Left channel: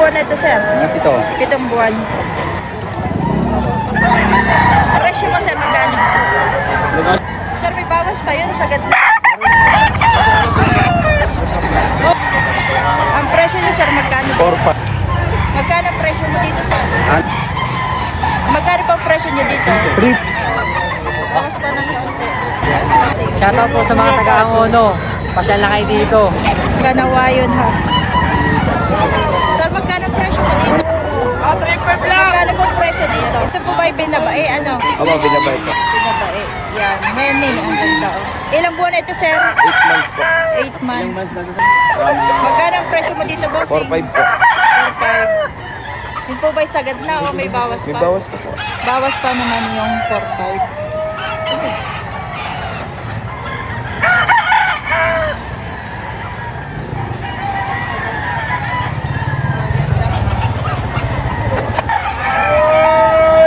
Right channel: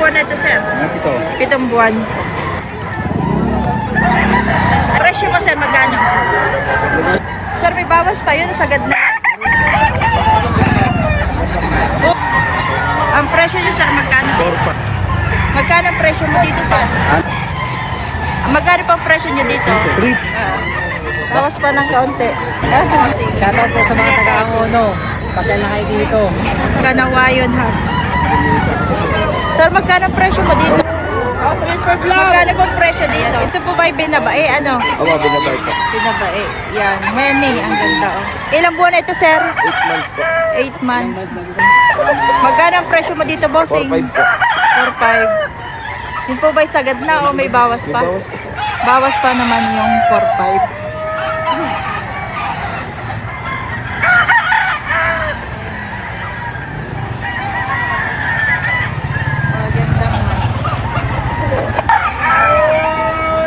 buwan na ito, sir? Ito. 7 buwan. Presyo mo, sir, magkano? Sir, may bawas pa yun, sagad na. Ang presyo niyo, sir, magkano? Magkano ang presyo mo dito, sir? Magkano pa ang presyo niyo dito? Bawas pa ng kaunti. Shoutout po sa mga taga-Angono. Pasyal na kayo dito. Kanawayon, ha? Sir, magkano ang presyo mo dito? Magkano po ang presyo dito? Ito po ba yung binabae? Ano? Opo, binabay po. Binabae. Yan. Henny. Ang ganda, oh. Ilang buwan na ito, sir? 8 months po. 8 months. Magkano ang presyo mo dito, bossing? 4-5 po. 4-5. Yun po ba yung sagad na o may bawas May pa? bawas po po. Bawas pa naman yung 4-5.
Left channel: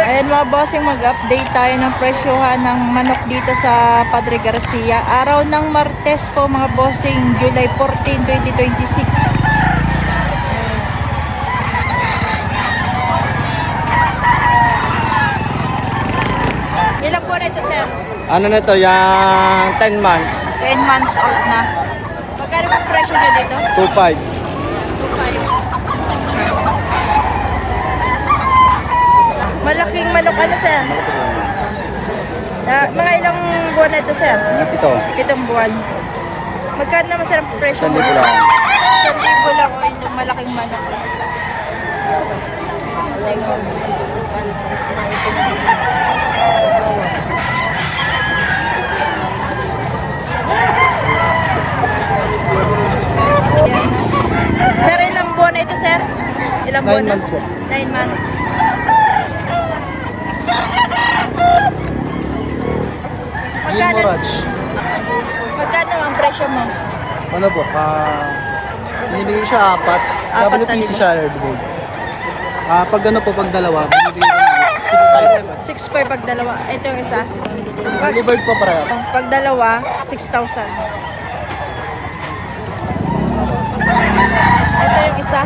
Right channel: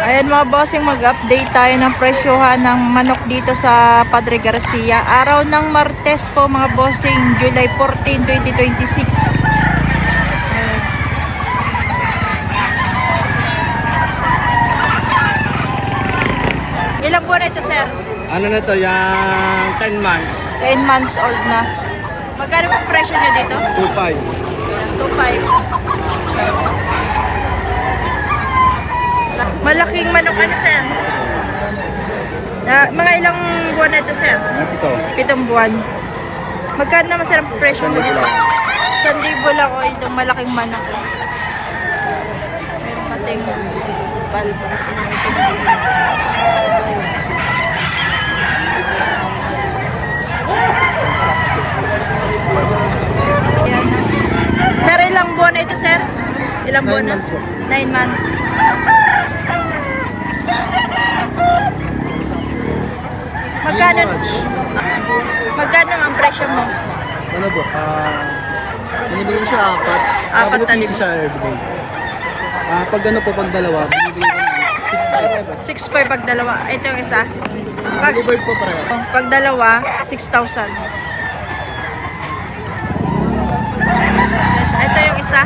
Ayan mga bossing, mag-update tayo ng presyohan ng manok dito sa Padre Garcia. Araw ng Martes po mga bossing, July 14, 2026. Ilang buwan na ito, sir? Ano na ito? Yung 10 months. 10 months old na. Magkano po presyo niya dito? 2-5. 2.5. Malaking manok ano, sir? Mga ilang buwan na ito, sir? Ito. 7 buwan. Magkano naman, sir, ang presyo mo dito? 1,000 lang o itong malaking manok. Ating yan na. Sir, ilang buwan na ito, sir? Ilang buwan na? 9 months po. 9 months. Magkano? Magkano ang presyo mo? Ano po? Binibigyan siya 4. Apat na piso libo. siya everyday. Pag ano po, pag dalawa, binibigyan ko ng 6.5 pag dalawa. Ito yung isa. Pag, Delivered po parehas. pag dalawa, 6,000. Ito yung isa.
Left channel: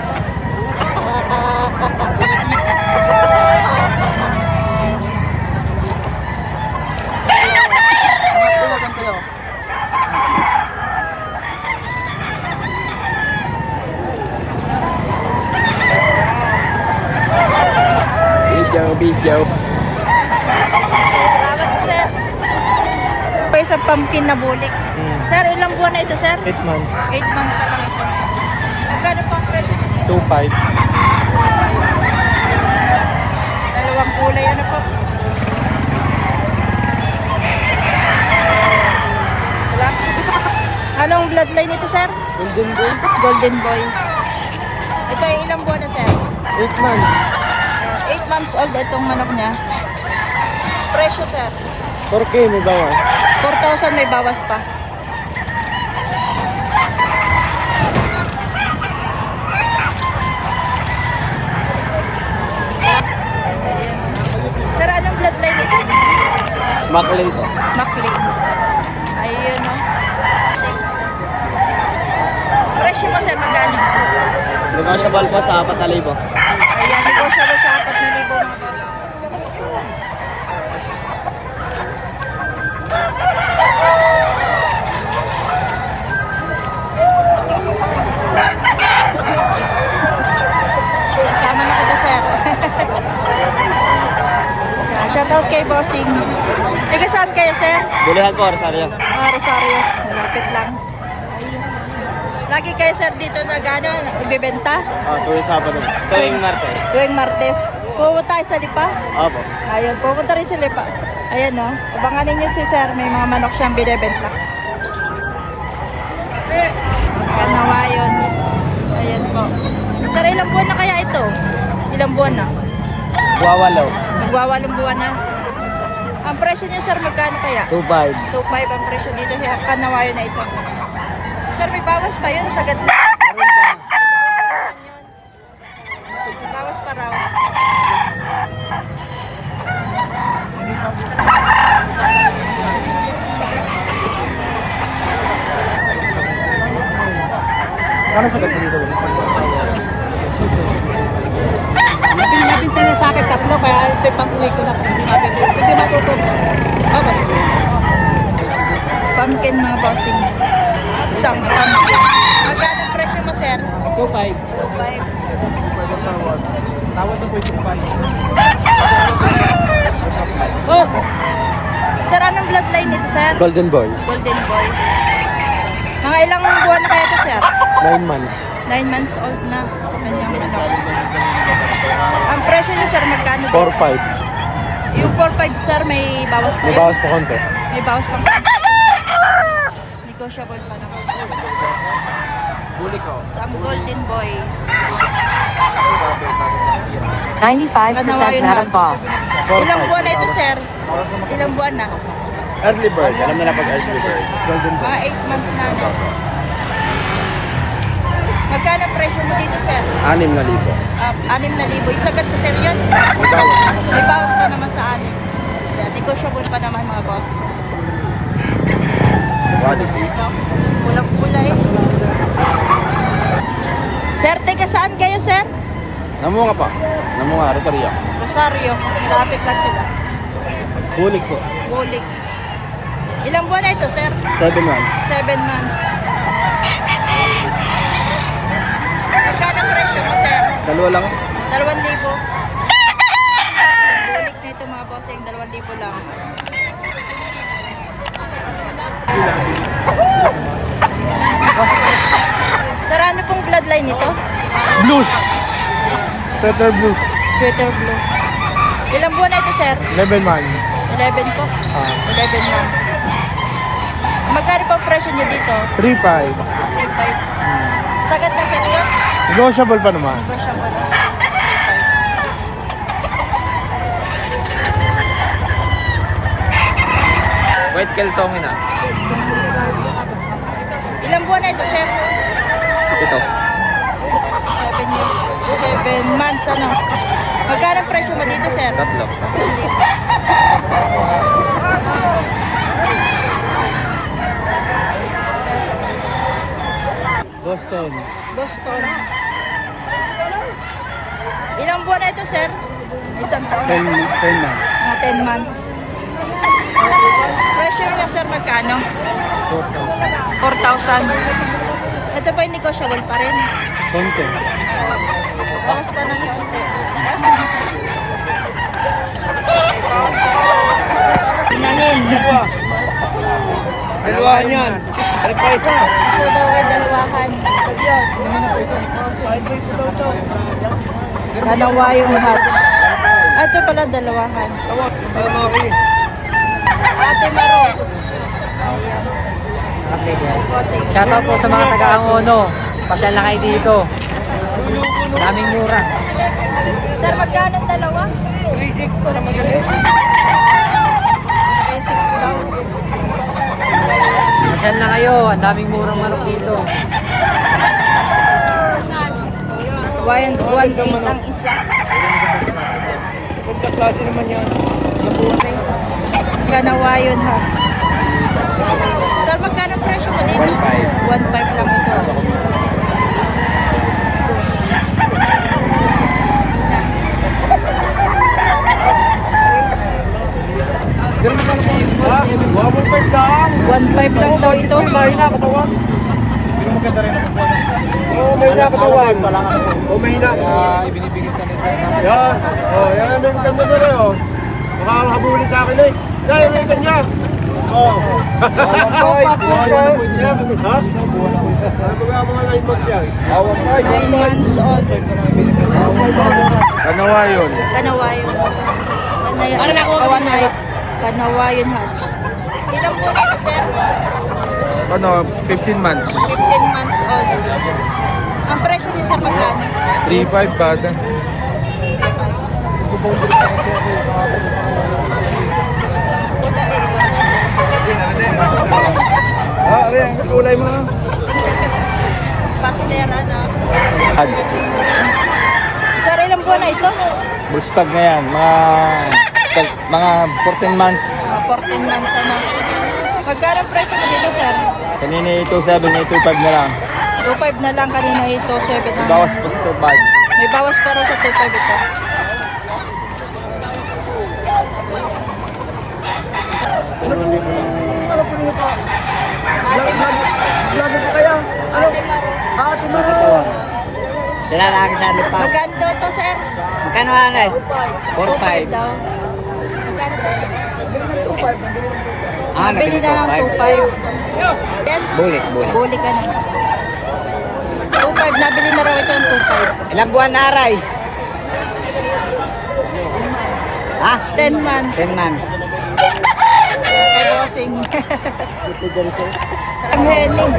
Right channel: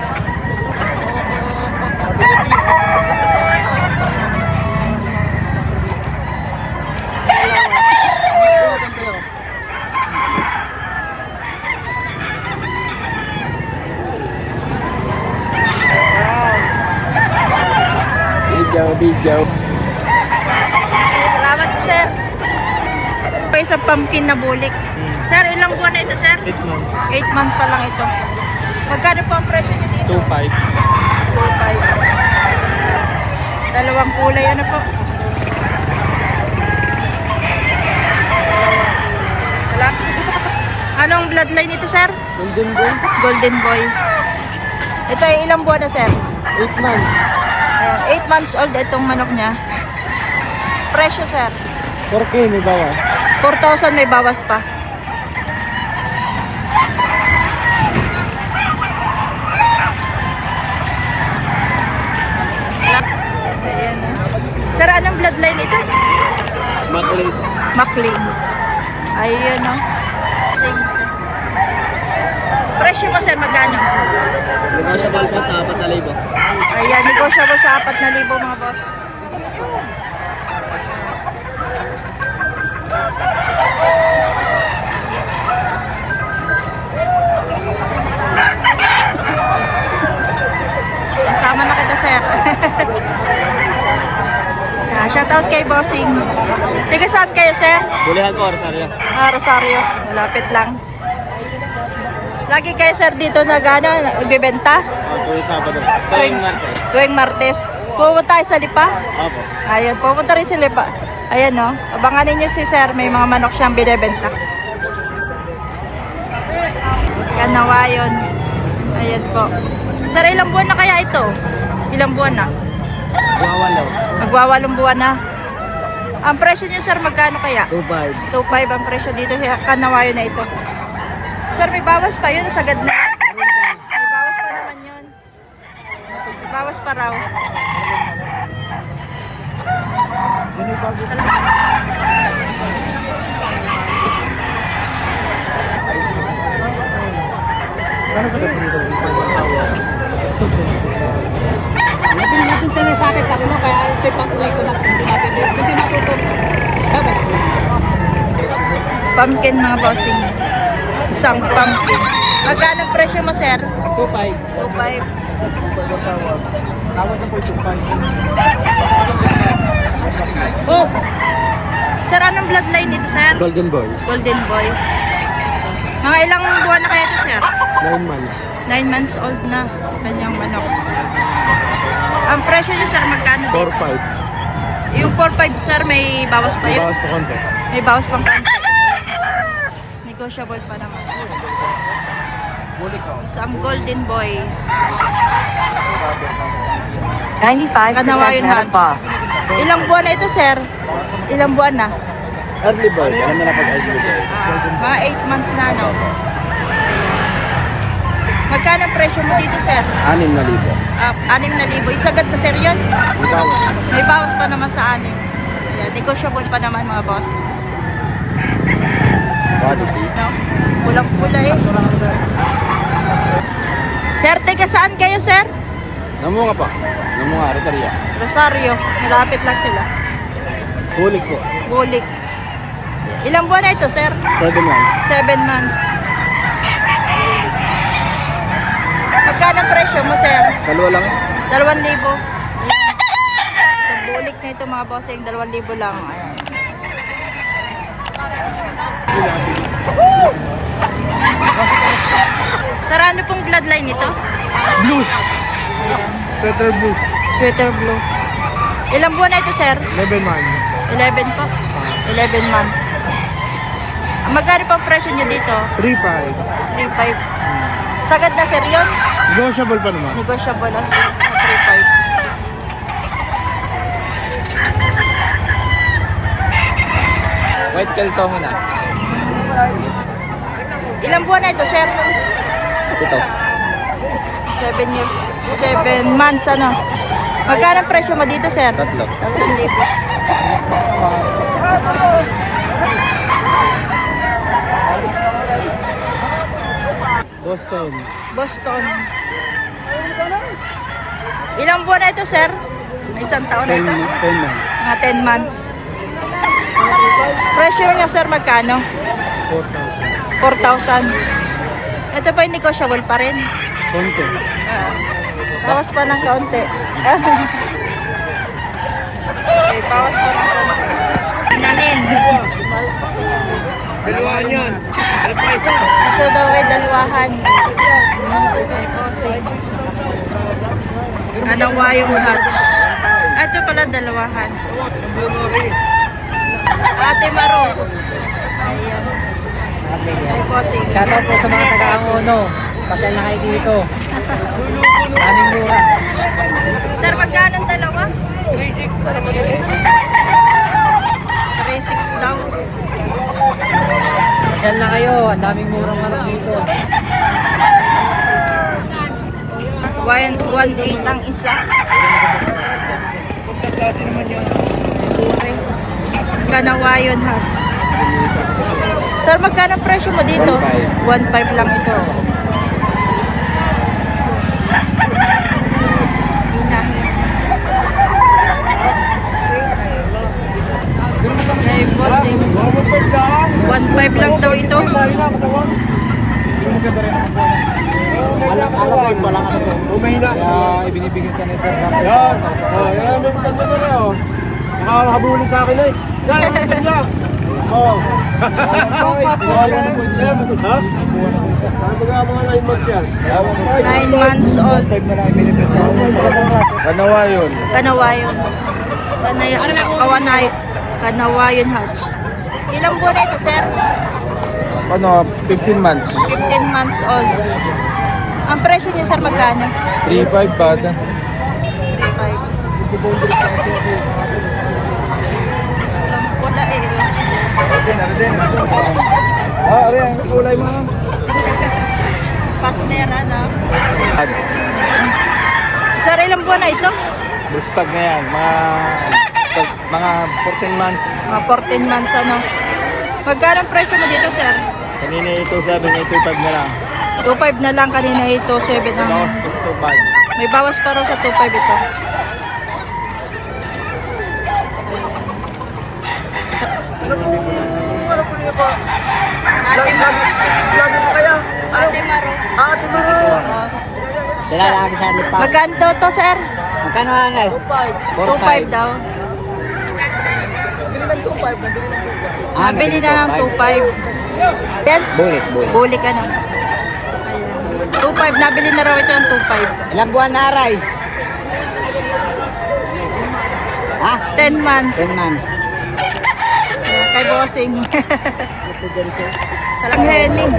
Video. Salamat po, sir. Pa isang pumpkin na bulik. Sir, ilang buwan na ito, sir? 8 months. 8 months pa lang ito. Magkano po ang presyo niya dito? 2-5. 2.5. Dalawang kulay, ano po? Wala. Anong bloodline ito, sir? Golden Boy. Golden Boy. Ito ay ilang buwan na, sir? 8 months. 8 months old itong manok niya. Presyo, sir? 4K may bawas. 4,000 may bawas pa. Ayan. Sir, anong bloodline ito? Smacklet. McLean. Ayan, no? Presyo mo, sir, magkano? Negotiable po sa 4,000. Ayan, negotiable sa 4,000 mga boss. Kasama na kita, sir. Shoutout kay Bossing. Tiga saan kayo, sir? Bulihan po, Rosario. Rosario. Malapit lang. Lagi kayo, sir, dito ibibenta? Tuwing Sabado. Tuwing Martes. Tuwing Martes. Pumunta tayo sa Lipa? Opo. Ayun, pumunta rin sa Lipa. Ayan, no? Abangan ninyo si sir. May mga manok siyang binibenta. Kanawayon. Ayan po. Sir, ilang buwan na kaya ito? Ilang buwan na? Wawalaw. Magwawalong buwan na. Ang presyo niyo, sir, magkano kaya? 2.5. 2.5 ang presyo dito sa Kanawayon na ito. Sir, may bawas pa yun. Sagad na. May bawas pa naman yun. May bawas pa raw. Ano sa dito? Napinta na sa akin 3, kaya ito'y pang-uwi ko na kung hindi mapinta. Kung hindi matutog, babalik ko yun. Pumpkin mga bossing. Isang pumpkin. Magkano presyo mo, sir? 2.5. 2.5. Boss! Sir, anong bloodline nito, sir? Golden Boy, Golden Boy. Mga ilang buwan na kaya ito, sir? 9 months. 9 months old na. Kanyang manok. Ang presyo niya, sir, magkano din? 4-5. Yung 4.5, sir, may bawas pa May yun? bawas pa konti. May bawas pang konti. Negotiable pa naman. Bulik ako. Sam Golden Boy. 95% Kanawayan net Hatch. of boss. Ilang buwan na ito, sir? Ilang buwan na? Early bird. Alam na pag early bird. Mga 8 months na, no? Magkano presyo mo dito, sir? 6,000. 6,000. Yung sagad na, sir, yun? May bawas. May bawas pa naman sa 6. Yeah, negotiable pa naman, mga boss. Quality. No? Pulang-pula eh. Sir, taga saan kayo, sir? Namunga pa. Namunga, Rosario. Rosario. Malapit lang sila. Bulik po. Bulik. Ilang buwan na ito, sir? 7 months. 7 months. Magkano presyo mo, sir? Dalawa lang. 2,000. Bulik na ito, mga bossing. 2,000 lang. Ayan. Sir, ano pong bloodline nito? Blues. Total blues. Sweater blue. Ilang buwan na ito, sir? 11 months. 11 po. 11 months. Magkano pang presyo nyo dito? 3-5. 3.5. Sagad na, sir, yun? Negotiable pa naman. Negotiable na. 3.5. White Kelsongin na. Ilang buwan na ito, sir? Ito. 7 years. 7 months, ano? Magkano ang presyo mo dito, sir? 3,000. Boston. Boston. Ilang buwan na ito, sir? Isang taon na 10 ito? months. Mga 10 months. Presyo niya, sir, magkano? 4,000. 4,000. Ito pa yung negotiable pa rin. Konti. Bawas pa ng kaunti. Okay, bawas pa ng kaunti. Inahin. Dalawa yan. Ito daw ay dalwahan. Dalawa yung hat. Ito pala dalawahan. Ate Maro. Ayan. Ay, bossing. Shoutout po sa mga taga-Angono. Pasyal na kayo dito. Daming mura. Sir, magkano ang dalawa? 3,600 daw. Pasyal na kayo. Ang daming murang manok dito. 1,800 ang isa. Punta klase naman yan. Kanawayon ha. Sir, magkano ang presyo mo dito? 1,500. 1,500 lang ito. Inahin. Ay, bossing. 1,500 lang daw ito. na katawan. Hindi mo maganda rin ang magbuwan. Oo, may na katawan. Oo, may na. Ibinibigyan ka na sa... Yan. Oo, yan. May maganda na rin, oh. Makahabulin sa akin, eh. Yan, may maganda. Oo. Yan, ha? Ano mga 9 months yan? 9 months old. Kanawayon. Kanawayon. Kawanay. Kanawayon Hatch. Ilang buwan na ito, sir? Ano, 15 months. 15 months old. Ang presyo niyo, sir, magkano? 3,500 ba? 3,500. Wala eh. Ari, ang kulay mo. Partner, ano? Sir, ilang buwan na ito? Bustag na yan. Mga 14 months. Mga 14 months, ano? Magkano ang presyo mo dito, sir? Kanina 2,700, 2,500 na lang. 2,500 na lang kanina ito, 7 ang... Bawas pa sa 2,500. May bawas pa raw sa 2.5 ito. Ate Maro. Ate Maro. Sila lagi sa lipa. Magkano daw to, sir? Magkano ano eh? 2.5 daw. Nabili na ng 2.5. Yan? Bulik. Buli ka na. Ayan. 2.5. Nabili na raw ito ng 2.5. Ilang buwan na aray? Ha? 10 months. 10 months. Ayan, kay bossing. Ang Henning.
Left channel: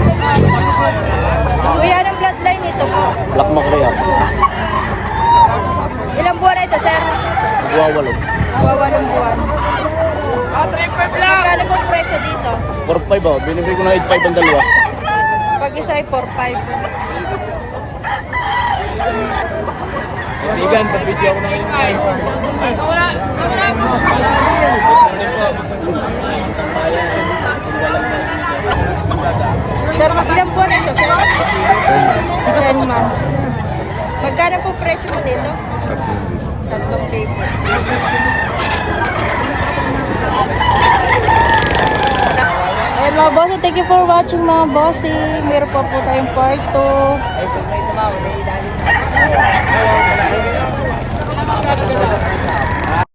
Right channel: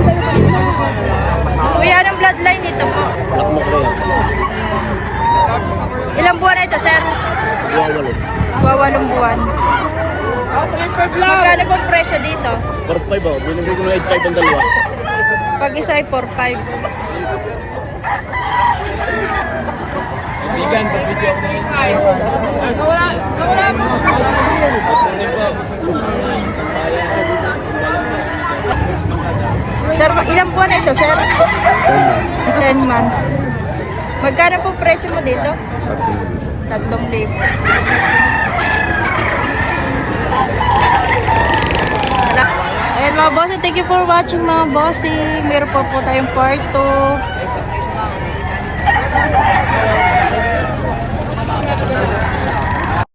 Kuya, anong bloodline ito po? Black Macrea. Ilang buwan na ito, sir? Buwawalo. 8 buwan. Magkano pong presyo dito? 4-5 oh. Binigay ko na 8-5 ang dalawa. Pag isa ay 4.5. Kaibigan, pag-video ako na ngayon. Sir, ilang buwan na ito, sir? 10 months. Magkano po presyo mo dito? 3,000. Ayan mga bossing, thank you for watching mga bossing. Meron pa po tayong part 2.